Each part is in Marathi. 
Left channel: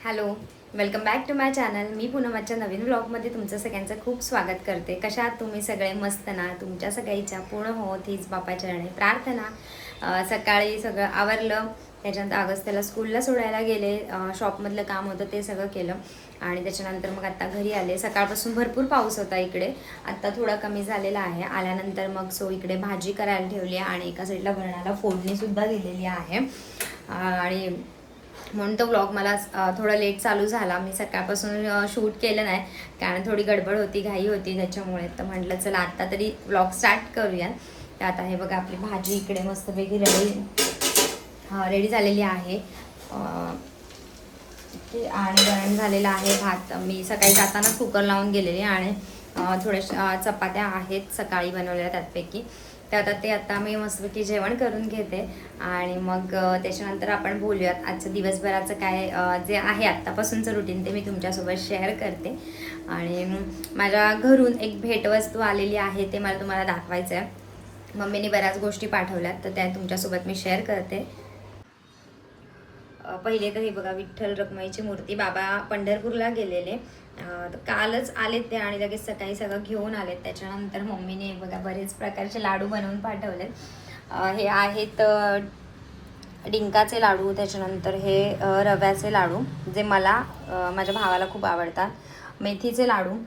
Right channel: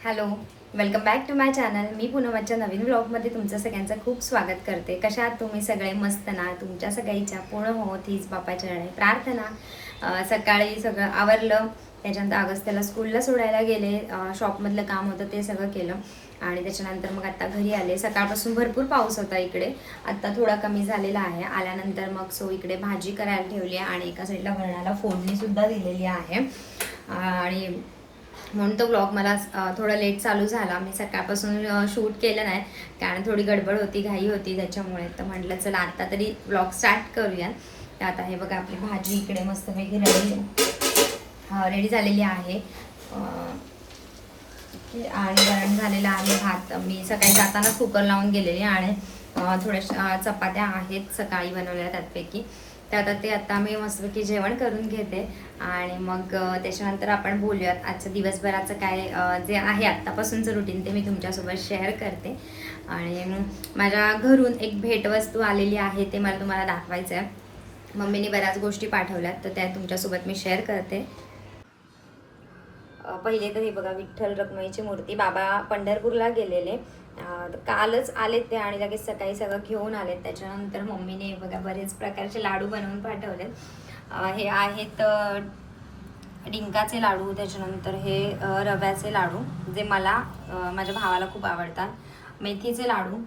Hello welcome back to my channel मी पुनमच्या नवीन ब्लॉगमध्ये तुमचं सगळ्यांचं खूप स्वागत करते. कशा तुम्ही सगळे मस्त ना? तुमच्या सगळ्याच्या पूर्ण होत हीच बापाच्या रणे प्रार्थना. सकाळी सगळं आवरलं. त्याच्यानंतर अगस्त्याला स्कूलला सोडायला गेले. शॉपमधलं काम होतं ते सगळं केलं. आणि त्याच्यानंतर मग आता घरी आले. सकाळपासून भरपूर पाऊस होता इकडे. आत्ता थोडा कमी झालेला आहे. आल्यानंतर मग सो इकडे भाजी करायला ठेवली आहे आणि एका साईडला वरणाला फोडणीसुद्धा दिलेली आहे. आणि म्हणून तो ब्लॉग मला थोडा लेट चालू झाला. मी सकाळपासून शूट केलं नाही. कारण थोडी गडबड होती घाई होती त्याच्यामुळे. तर म्हटलं चला आत्ता तरी ब्लॉग स्टार्ट करूया. तर आता हे बघा आपली भाजी इकडे मस्तपैकी रेडी रेडी झालेली आहे. आणि वरण झालेलं आहे भात. मी सकाळी जातानाच कुकर लावून गेलेली आणि थोड्याशा चपात्या आहेत सकाळी बनवलेल्या त्यातपैकी तर आता ते आता मी मस्तपैकी जेवण करून घेते. आणि मग त्याच्यानंतर आपण बोलूयात आजचं दिवसभराचं काय जे आहे आत्तापासूनचं रुटीन ते मी तुमच्यासोबत शेअर करते. आणि माझ्या घरून एक भेटवस्तू आलेली आहे ते मला तुम्हाला दाखवायचं आहे मम्मीने बऱ्याच गोष्टी पाठवल्यात तर त्या तुमच्यासोबत मी शेअर करते. पहिले तर हे बघा विठ्ठल रखमाईची मूर्ती बाबा पंढरपूरला गेलेले. कालच आलेत ते आणि लगेच सकाळी सगळं घेऊन आलेत. त्याच्यानंतर मम्मीने बघा बरेच प्रकारचे लाडू बनवून पाठवलेत. हे आहेत डिंकाचे लाडू त्याच्यानंतर हे रव्याचे लाडू जे मला माझ्या भावाला खूप आवडतात. मेथीचे लाडू.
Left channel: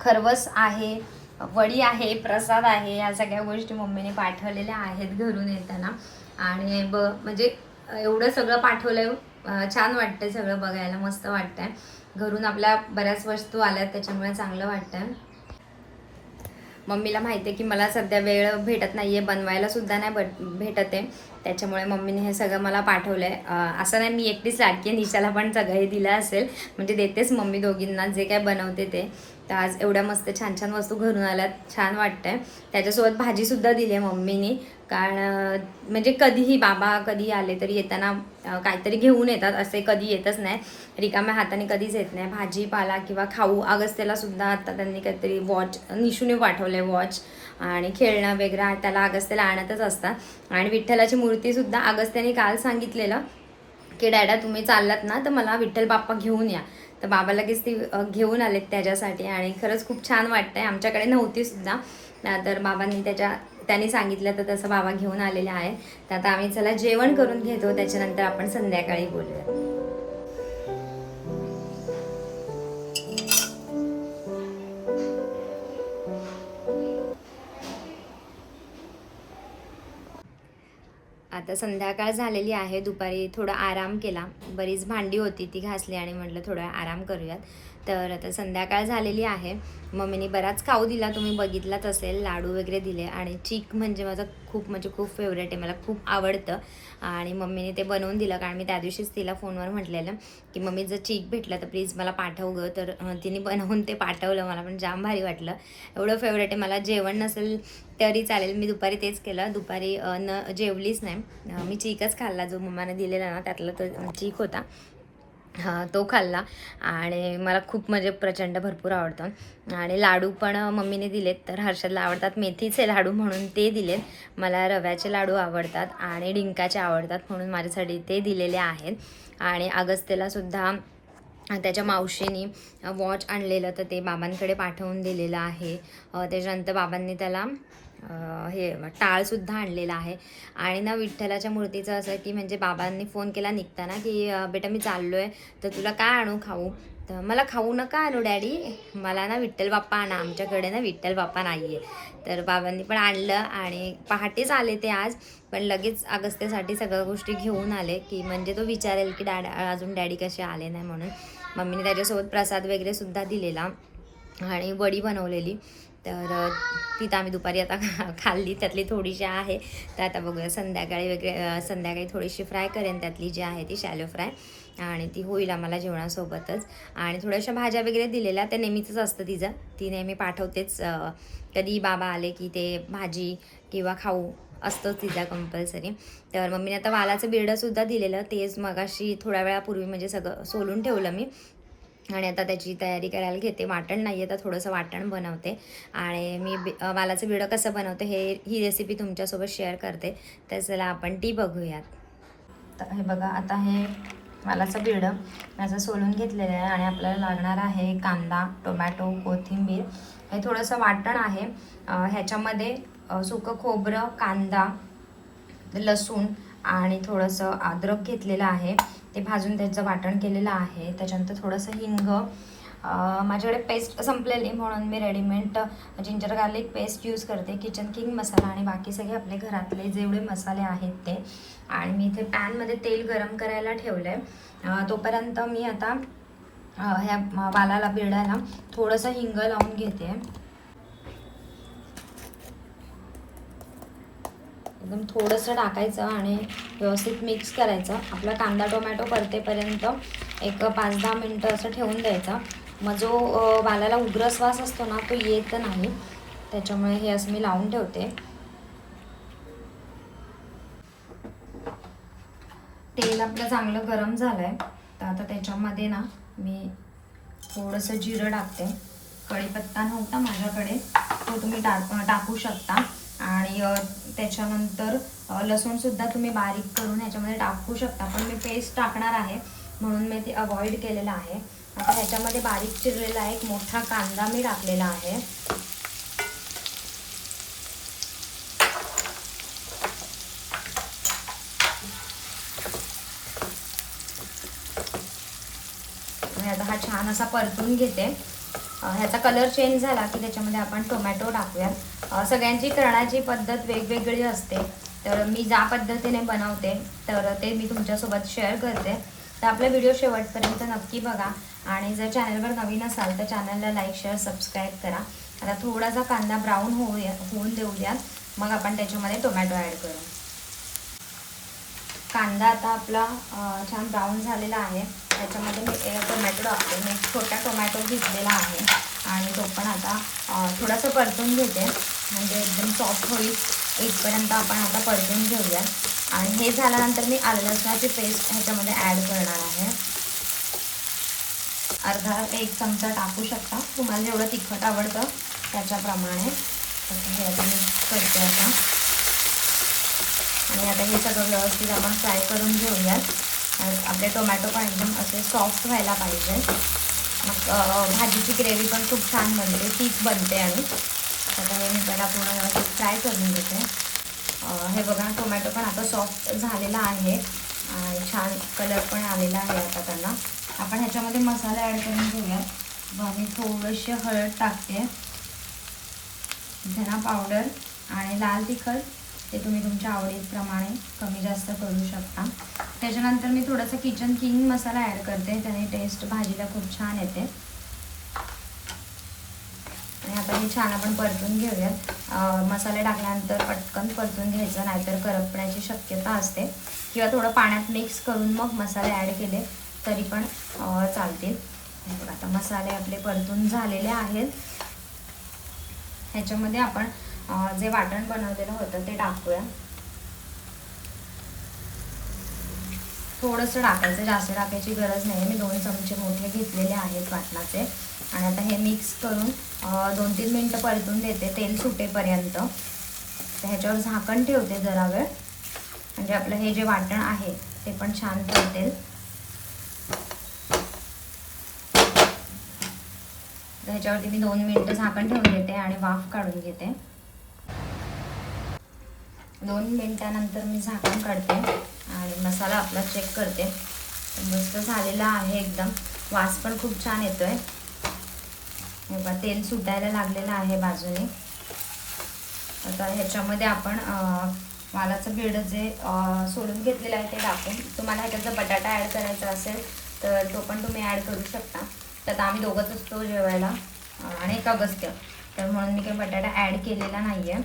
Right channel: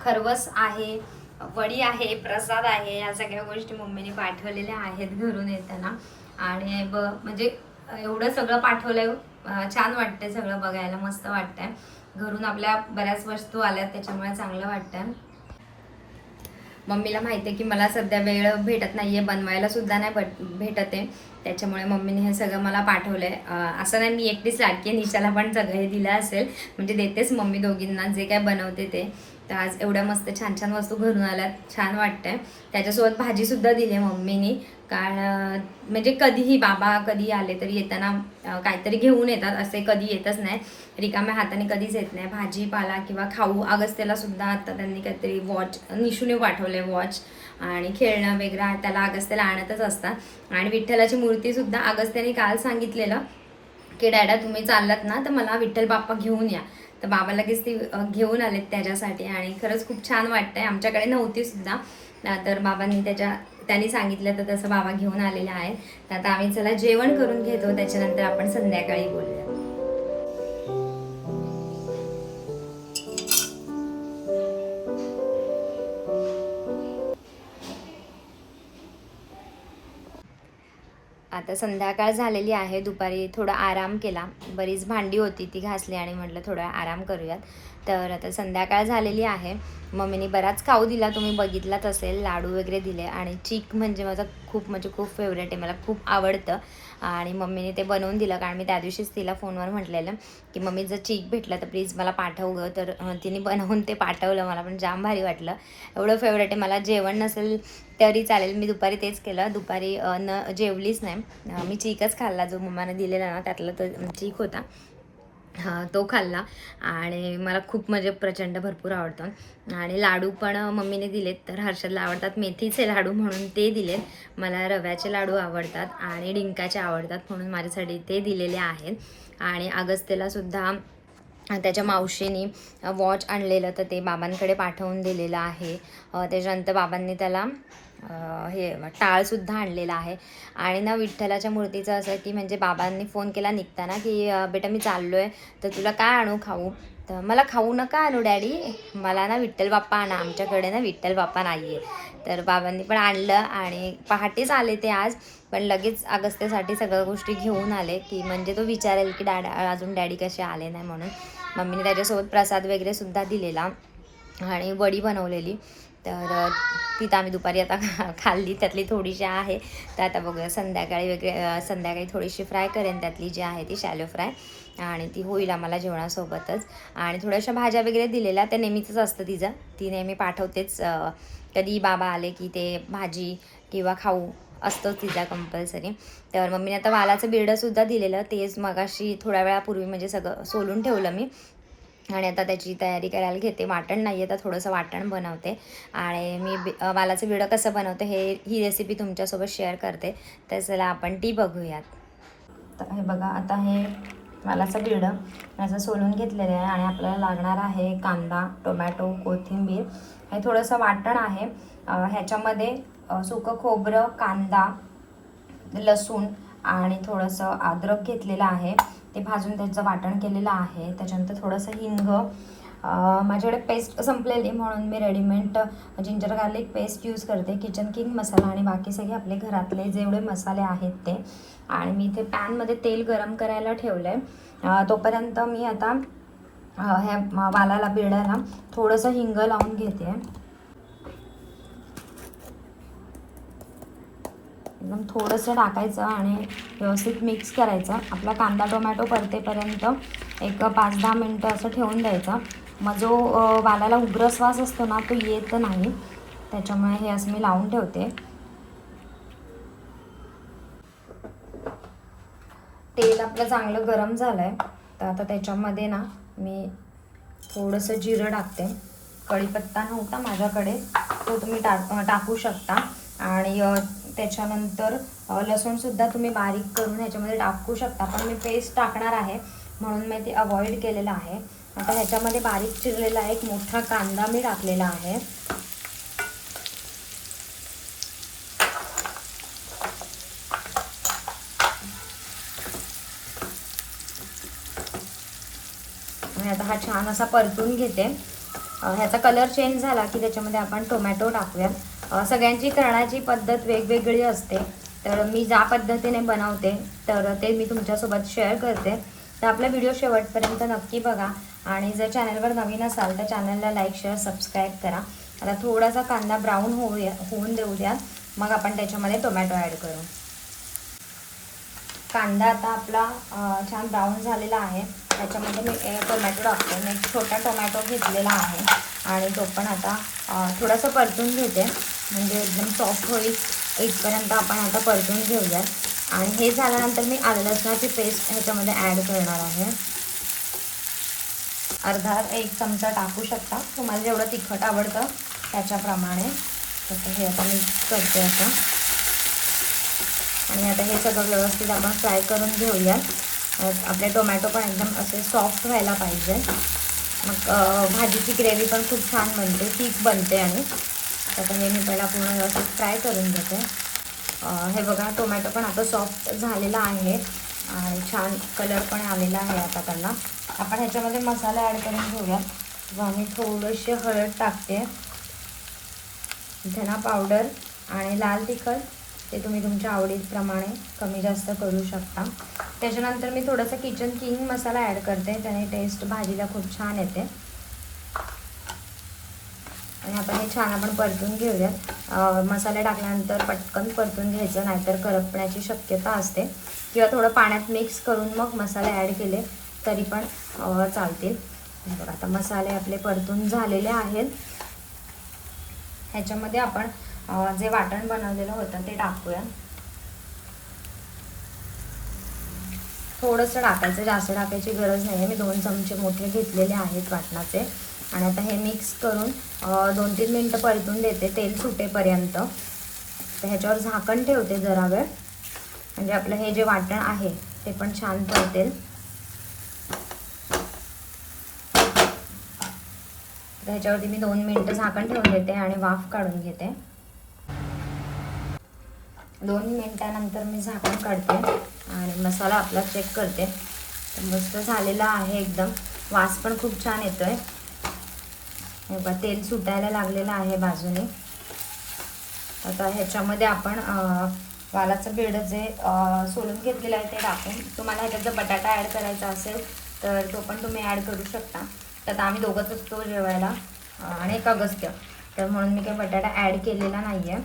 खरवस आहे वडी आहे प्रसाद आहे या सगळ्या गोष्टी मम्मीने पाठवलेल्या आहेत घरून येताना. आणि ब म्हणजे एवढं सगळं पाठवलंय. छान वाटतंय सगळं बघायला. मस्त वाटतंय. घरून आपल्या बऱ्याच वस्तू आल्यात त्याच्यामुळे चांगलं वाटतंय. मम्मीला माहिती आहे की मला सध्या वेळ भेटत नाहीये. बनवायला सुद्धा नाही बट भेटत आहे. त्याच्यामुळे मम्मीने हे सगळं मला पाठवलंय. आहे असं नाही मी एकटीच लाडकी निशाला पण सगळं हे दिलं असेल. म्हणजे देतेच मम्मी दोघींना. जे काय बनवते ते. तर आज एवढ्या मस्त छान छान वस्तू घरून आल्यात. छान वाटतंय. त्याच्यासोबत भाजीसुद्धा दिली आहे मम्मीनी. कारण म्हणजे कधीही बाबा कधी आले तरी येताना काहीतरी घेऊन येतात असे कधी येतच नाही रिकाम्या हाताने कधीच येत नाही. भाजीपाला किंवा खाऊ अगस्त्याला सुद्धा आता त्यांनी काहीतरी वॉच निशूने आहे वॉच आणि खेळणं वगैरे त्याला अगस्त्याला आणतच असतात. आणि विठ्ठलाची मूर्तीसुद्धा अगस्त्याने काल सांगितलेलं की डॅडा तुम्ही चाललात ना तर मला विठ्ठल बाप्पा घेऊन या. तर बाबा लगेच ती घेऊन आलेत त्याच्यासाठी आणि खरंच खूप छान वाटतंय. आमच्याकडे नव्हती सुद्धा. तर बाबांनी त्याच्या त्यांनी सांगितलं तर तसं बाबा घेऊन आलेला आहे. तर आता आम्ही चला जेवण करून घेतो. त्याच्यानंतर आपण संध्याकाळी बोलूया. आता संध्याकाळ झालेली आहे. दुपारी थोडा आराम केला. बरीच भांडी होती ती घासली आणि म्हटलं थोडा आराम करूयात. तर आता संध्याकाळ झालेली आहे. मम्मीने बराच खाऊ दिला. तुम्ही बघितलाच असेल. लाडू वगैरे दिले आणि चीक म्हणजे माझं खूप म्हणजे खूप फेवरेट आहे. मला खूप आवडतं. आणि मम्मीने ते बनवून दिलं. कारण मी त्या दिवशीच तिला फोनवर म्हटलेलं की मम्मी जर चीक भेटलं तर प्लीज मला पाठव गं. तर तिने बनवून ते पाठवलं. मला पण जाम भारी वाटलं. एवढं फेवरेट आहे. मला जेवण नसेल तरी चालेल. मी दुपारी तेच केलं. दुपारी न जेवलीच नाही. मी चीकच खाल्ला. जो मम्माने दिलेला ना त्यातला तो चीक होता. तो खाल्ला. आणि मला खूप म्हणजे प्रचंड भरपूर आवडतं. आणि लाडू पण मम्मीने दिलेत तर हर्षदला आवडतात. मेथीचे लाडू म्हणून ते दिलेत. मला रव्याचे लाडू आवडतात आणि डिंकाचे आवडतात म्हणून माझ्यासाठी ते दिलेले आहेत. आणि अगस्तेला सुद्धा त्याच्या मावशीनी वॉच आणलेलं तर ते बाबांकडे पाठवून दिलेलं आहे. त्याच्यानंतर बाबांनी त्याला हे टाळसुद्धा आणलेला आहे. आणि ना विठ्ठलाच्या मूर्तीचं असं की म्हणजे बाबांनी फोन केला निघताना की बेटा मी चाललो आहे तर तुला काय आणू खाऊ? तर मला खाऊ नका आणू डॅडी. मला ना विठ्ठल बाप्पा आणा. आमच्याकडे ना विठ्ठल बाप्पा नाही आहे तर बाबांनी पण आणलं आणि पहाटेच आले ते आज. पण लगेच अगस्त्यासाठी सगळ्या गोष्टी घेऊन आले की म्हणजे तो विचारेल की डॅड अजून डॅडी कसे आले नाही? म्हणून मम्मीने त्याच्यासोबत प्रसाद वगैरे सुद्धा दिलेला आणि वडी बनवलेली. तर तिथं ती तर आम्ही दुपारी आता खा- खाल्ली. त्यातली थोडीशी आहे. तर आता बघूया संध्याकाळी वगैरे संध्याकाळी थोडीशी फ्राय करेन त्यातली जी आहे ती शॅलो फ्राय. आणि ती होईल आम्हाला जेवणासोबतच. आणि थोड्याशा भाज्या वगैरे दिलेल्या त्या नेहमीचंच असतं तिचं. ती नेहमी पाठवतेच. कधी बाबा आले की ते भाजी किंवा खाऊ असतंच तिचा कंपल्सरी तर मम्मीने आता वालाचं बिरडंसुद्धा दिलेलं. तेच मगाशी थोड्या वेळापूर्वी म्हणजे सगळं सोलून ठेवलं मी. आणि आता त्याची तयारी करायला घेते. वाटण नाही आहे तर थोडंसं वाटण बनवते. आणि मी बि वालाचं बिडं कसं बनवते हे ही रेसिपी तुमच्यासोबत शेअर करते. तर चला आपण ती बघूयात. तर हे बघा आता हे वालाचं बिरडं याचं सोलून घेतलेलं आहे आणि आपल्याला लागणार आहे कांदा टोमॅटो कोथिंबीर. हे थोडंसं वाटण आहे. ह्याच्यामध्ये सुकं खोबरं कांदा लसूण आणि थोडंसं अद्रक घेतलेलं आहे. ते भाजून त्याचं वाटण केलेलं आहे. त्याच्यानंतर थोडंसं हिंग. माझ्याकडे पेस्ट संपलेली म्हणून मी readymade ginger garlic paste use करते. किचन किंग मसाला आणि बाकी सगळे आपले घरातले जेवढे मसाले आहेत ते. आणि मी इथे पॅनमध्ये तेल गरम करायला ठेवलं आहे तोपर्यंत मी आता ह्या वालाला बिरड्याला थोडंसं हिंग लावून घेते. एकदम थोडंसं टाकायचं आणि व्यवस्थित मिक्स करायचं. आपला कांदा टोमॅटो परतेपर्यंत एक पाच दहा मिनटं असं ठेवून द्यायचं. मग जो वालाला उग्र श्वास असतो ना तो येत नाही. त्याच्यामुळे हे असं मी लावून ठेवते. तेल आपलं चांगलं गरम झालं आहे तर आता त्याच्यामध्ये ना मी थोडंसं जिरं टाकते. कढीपत्ता नव्हता माझ्याकडे तो तुम्ही टाक टाकू शकता. आणि त्याच्यानंतर लसूणसुद्धा तुम्ही बारीक करून ह्याच्यामध्ये टाकू शकता. पण मी पेस्ट टाकणार आहे म्हणून मी ते अवॉइड केलेलं आहे. आता ह्याच्यामध्ये बारीक चिरलेला एक मोठा कांदा मी टाकलेला आहे. आता हा छान असा परतून घेते. ह्याचा कलर चेंज झाला की त्याच्यामध्ये आपण टोमॅटो टाकूया. सगळ्यांची करण्याची पद्धत वेगवेगळी असते. तर मी ज्या पद्धतीने बनवते तर ते मी तुमच्यासोबत शेअर करते. तर आपला व्हिडिओ शेवटपर्यंत नक्की बघा. आणि जर चॅनलवर नवीन असाल तर चॅनलला लाईक शेअर सबस्क्राईब करा. आता थोडासा कांदा ब्राऊन होऊया होऊन देऊ द्या. मग आपण त्याच्यामध्ये टोमॅटो ॲड करू. कांदा आता आपला छान ब्राऊन झालेला आहे. त्याच्यामध्ये मी टोमॅटो टाकतो. मी एक छोटा टोमॅटो घेतलेला आहे. आणि तो पण आता थोडासा परतून घेते. म्हणजे एकदम सॉफ्ट होईल. इथपर्यंत आपण आता परतून घेऊया आणि हे झाल्यानंतर मी आलं लसणाची पेस्ट ह्याच्यामध्ये ॲड करणार आहे. अर्धा एक चमचा टाकू शकता. तुम्हाला जेवढं तिखट आवडतं त्याच्याप्रमाणे. हे आता मी करते आता. आणि आता हे सगळं व्यवस्थित आपण फ्राय करून घेऊयात. आपले टोमॅटो पण एकदम असे सॉफ्ट व्हायला पाहिजे. मग भाजीची ग्रेव्ही पण खूप छान बनते तीच बनते आणि. आता हे मी त्याला पूर्ण व्यवस्थित फ्राय करून घेते. हे बघा टोमॅटो पण आता सॉफ्ट झालेला आहे. आणि छान कलर पण आलेला आहे आता त्यांना. आपण ह्याच्यामध्ये मसाला ॲड करून घेऊया मग मी थोडीशी हळद टाकते. धना पावडर आणि लाल तिखट. ते तुम्ही तुमच्या आवडीप्रमाणे कमी जास्त करू शकता. त्याच्यानंतर मी थोडासा किचन किंग मसाला ॲड करते. त्याने टेस्ट भाजीला खूप छान येते. आणि आता हे छान आपण परतून घेऊया मसाले टाकल्यानंतर पटकन परतून घ्यायचं नाहीतर करपण्याची शक्यता असते. किंवा थोडं पाण्यात मिक्स करून मग मसाले ॲड केले तरी पण चालतील. आता मसाले आपले परतून झालेले आहेत. ह्याच्यामध्ये आपण जे वाटण बनवलेलं होतं ते टाकूया. थोडंसं टाकायचं जास्त टाकायची गरज नाही. मी दोन चमचे मोठे घेतलेले आहेत वाटणाचे. आणि आता हे मिक्स करून दोन तीन मिनटं परतून देते तेल सुटेपर्यंत. ह्याच्यावर झाकण ठेवते जरा वेळ. म्हणजे आपलं हे जे वाटण आहे ते पण छान परतेल तर ह्याच्यावरती मी दोन मिनटं झाकण ठेवून देते आणि वाफ काढून घेते. दोन मिनटानंतर मी झाकण काढते आणि मसाला आपला चेक करते. मस्त झालेला आहे एकदम. वास पण खूप छान येतो आहे बघा, तेल सुटायला लागलेलं आहे बाजूने. आता ह्याच्यामध्ये आपण वालाचं बेड जे सोलून घेतलेलं आहे ते टाकून तुम्हाला ह्याच्यात जर बटाटा ॲड करायचा असेल तर तो पण तुम्ही ॲड करू शकता. तर आम्ही दोघंच असतो जेवायला आणि एक अगस्त्य. तर म्हणून मी काही बटाटा ॲड केलेला नाही आहे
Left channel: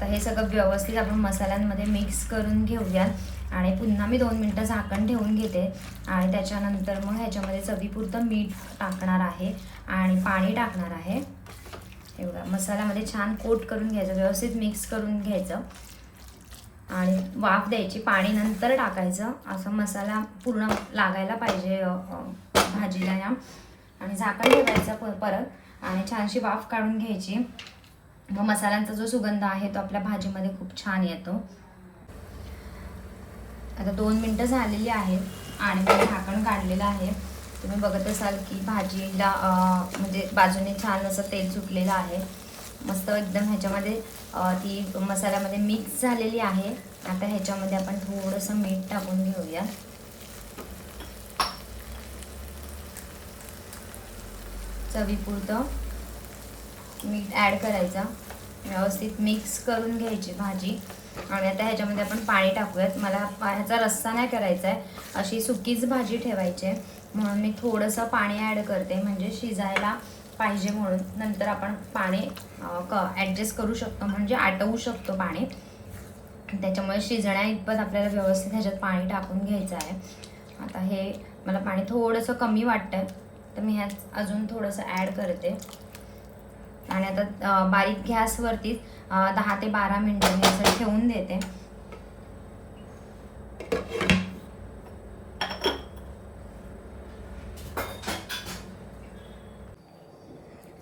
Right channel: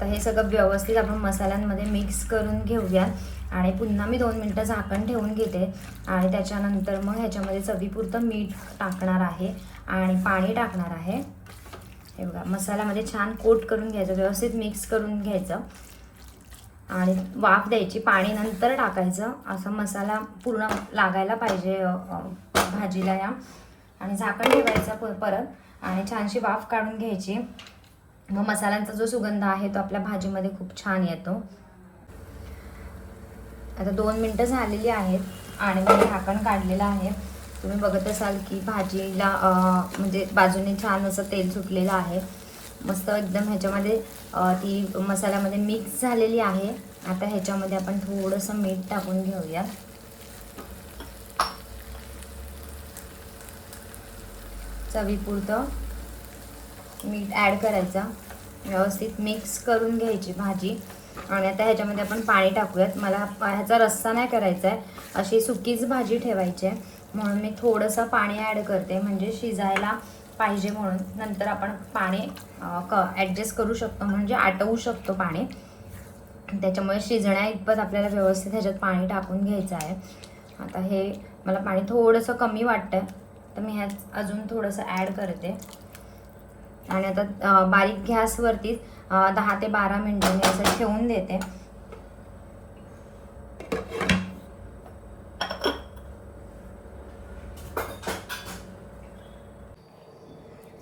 तर हे सगळं व्यवस्थित आपण मसाल्यांमध्ये मिक्स करून घेऊया. आणि पुन्हा मी दोन मिनटं झाकण ठेवून घेते. आणि त्याच्यानंतर मग ह्याच्यामध्ये चवीपुरतं मीठ टाकणार आहे. आणि पाणी टाकणार आहे. एवढा मसाल्यामध्ये छान कोट करून घ्यायचं व्यवस्थित मिक्स करून घ्यायचं. आणि वाफ द्यायची पाणी नंतर टाकायचं. असं मसाला पूर्ण लागायला पाहिजे भाजीला या. आणि झाकण ठेवायचं परत. आणि छानशी वाफ काढून घ्यायची. मग मसाल्यांचा जो सुगंध आहे तो आपल्या भाजीमध्ये खूप छान येतो. आता दोन मिनटं झालेली आहेत आणि मी झाकण काढलेलं आहे. तुम्ही बघत असाल की भाजीला म्हणजे बाजूने छान असं तेल सुटलेलं आहे. मस्त एकदम ह्याच्यामध्ये ती मसाल्यामध्ये मिक्स झालेली आहे. आता ह्याच्यामध्ये आपण थोडंसं मीठ टाकून घेऊया. चवीपुरतं. मीठ ॲड करायचं. व्यवस्थित मिक्स करून घ्यायची भाजी. आणि आता ह्याच्यामध्ये आपण पाणी टाकूयात. मला पा- ह्याचा रस्सा नाही करायचा आहे अशी सुकीच भाजी ठेवायची आहे. म्हणून मी थोडंसं पाणी ॲड करते. म्हणजे शिजायला पाहिजे म्हणून. नंतर आपण पाणी क ॲडजस्ट करू शकतो. म्हणजे आटवू शकतो पाणी. त्याच्यामुळे शिजण्या इतपत आपल्याला व्यवस्थित ह्याच्यात पाणी टाकून घ्यायचं आहे. आता हे मला पाणी थोडंसं कमी वाटतं तर मी ह्यात अजून थोडंसं ॲड करते. आणि आता बारीक गॅसवरती दहा ते बारा मिनटं मी असं ठेवून देते.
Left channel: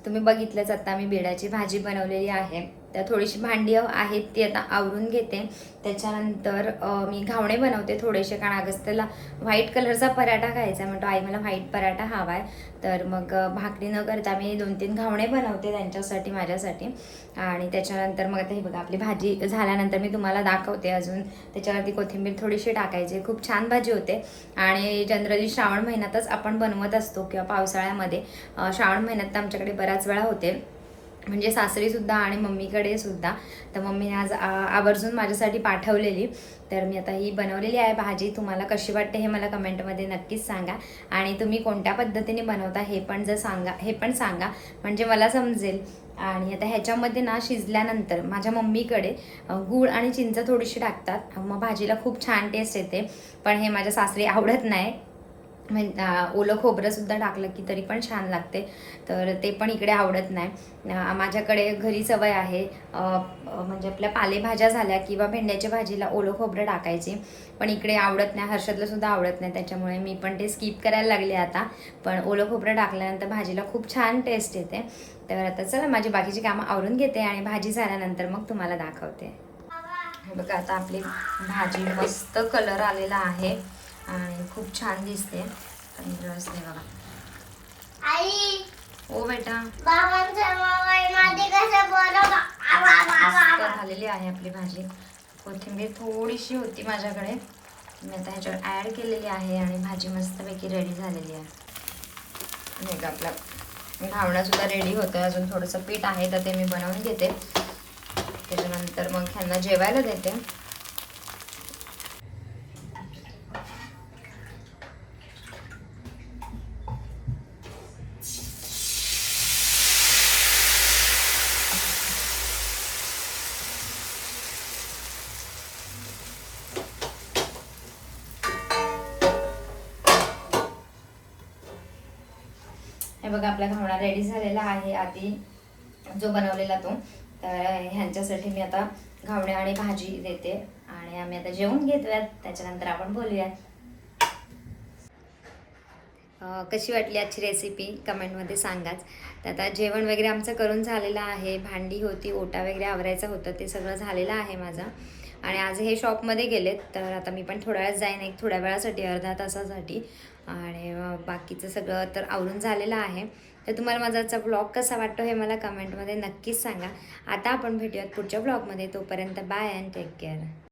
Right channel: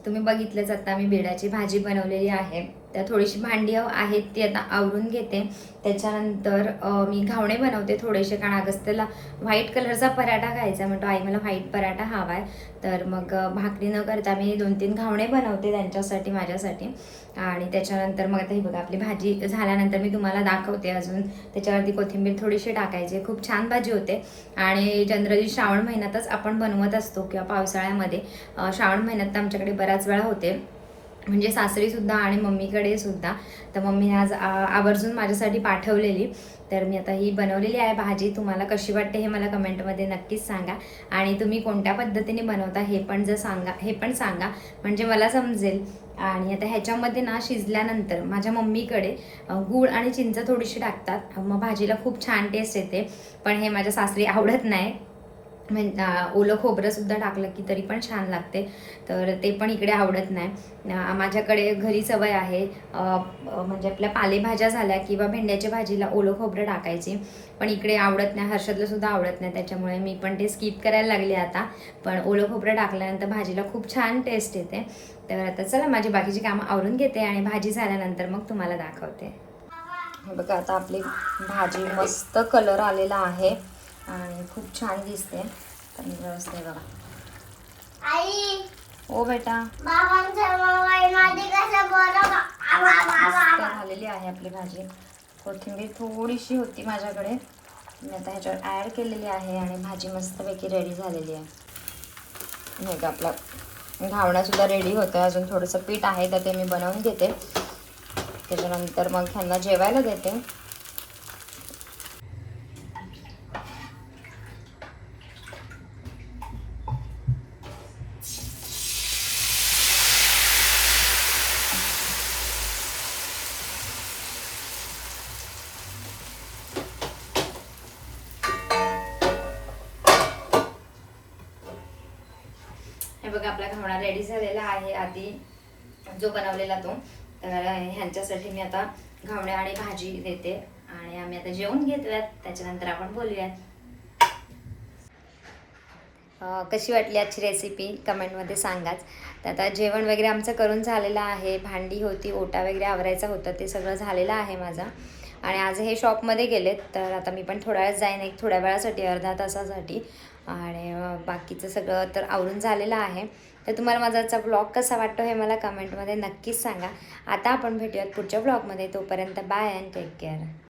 तुम्ही बघितलंच आता मी बेडाची भाजी बनवलेली आहे. तर थोडीशी भांडी आहेत ती आता आवरून घेते. त्याच्यानंतर मी घावणे बनवते थोडेसे कारण अगस्त्यला व्हाईट कलरचा पराठा खायचा म्हणतो आई मला व्हाईट पराठा हवा आहे तर मग भाकरी न करता मी दोन तीन घावणे बनवते त्यांच्यासाठी माझ्यासाठी. आणि त्याच्यानंतर मग आता हे बघा आपली भाजी झाल्यानंतर मी तुम्हाला दाखवते अजून. त्याच्यावरती कोथिंबीर थोडीशी टाकायची खूप छान भाजी होते. आणि जनरली श्रावण महिन्यातच आपण बनवत असतो किंवा पावसाळ्यामध्ये श्रावण महिन्यात तर आमच्याकडे बऱ्याच वेळा होते. म्हणजे सासरीसुद्धा आणि मम्मीकडे सुद्धा तर मम्मीने आज आवर्जून माझ्यासाठी पाठवलेली. तर मी आता ही बनवलेली आहे भाजी. तुम्हाला कशी वाटते हे मला कमेंटमध्ये नक्कीच सांगा. आणि तुम्ही कोणत्या पद्धतीने बनवता हे पण जर सांगा हे पण सांगा. म्हणजे मला समजेल. आणि आता ह्याच्यामध्ये ना शिजल्यानंतर माझ्या मम्मीकडे गूळ आणि चिंच थोडीशी टाकतात. मग भाजीला खूप छान टेस्ट येते. पण हे माझ्या सासरी आवडत नाही. म्हणजे ओलं खोबरंसुद्धा टाकलं की तरी पण छान लागते. तर ते पण इकडे आवडत नाही. माझ्याकडे घरी सवय आहे म्हणजे आपल्या पालेभाज्या झाल्या किंवा भेंड्याच्या भाजीला ओलं खोबरं टाकायची. पण इकडे आवडत नाही हर्षदलासुद्धा आवडत नाही. त्याच्यामुळे मी पण ते स्किप करायला लागले आता. पण ओलं खोबरं टाकल्यानंतर भाजीला खूप छान टेस्ट येते. तर आता चला माझी बाकीची कामं आवरून घेते आणि भाजी झाल्यानंतर मग तुम्हाला दाखवते. बघा आता आपली भाजी मस्त कलर आलेला आहे. आणि खूप छान दिसते. आहे बघा. आई ओ बेटा. झालेली आहे आपली भाजी. कोथिंबीर थोडीशी होती माझ्याकडे. मी आता ह्याच्यावर ॲड केलेली आहे आणि भाजी मस्तपैकी रेडी झालेली आहे. नाही का आपला घावणासुद्धा रेडी होतं. अजून थोडंसं पीठ आहे तर ते मी बनवून घेते. त्याच्यानंतर मग ह्यांना जेवायला देते. हे बघा आपला घावणा रेडी झालेला आहे. आधी जो बनवलेला तो. तर ह्यांच्यासाठी मी आता घावणे आणि भाजी देते. आणि आम्ही आता जेवून घेतोयात त्याच्यानंतर आपण बोलूयात. कशी वाटली आजची रेसिपी कमेंटमध्ये सांगाच. तर आता जेवण वगैरे आमचं करून झालेलं आहे. भांडी होती ओटा वगैरे आवरायचं होतं. ते सगळं झालेलं आहे माझं. आणि आज हे शॉपमध्ये गेलेत. तर आता मी पण थोड्या वेळात जाईन. एक थोड्या वेळासाठी अर्धा तासासाठी. आणि बाकीचं सगळं तर आवरून झालेलं आहे. तर तुम्हाला माझा आजचा ब्लॉग कसा वाटतो हे मला कमेंटमध्ये नक्कीच सांगा. आता आपण भेटूयात पुढच्या ब्लॉगमध्ये तोपर्यंत बाय अँड टेक केअर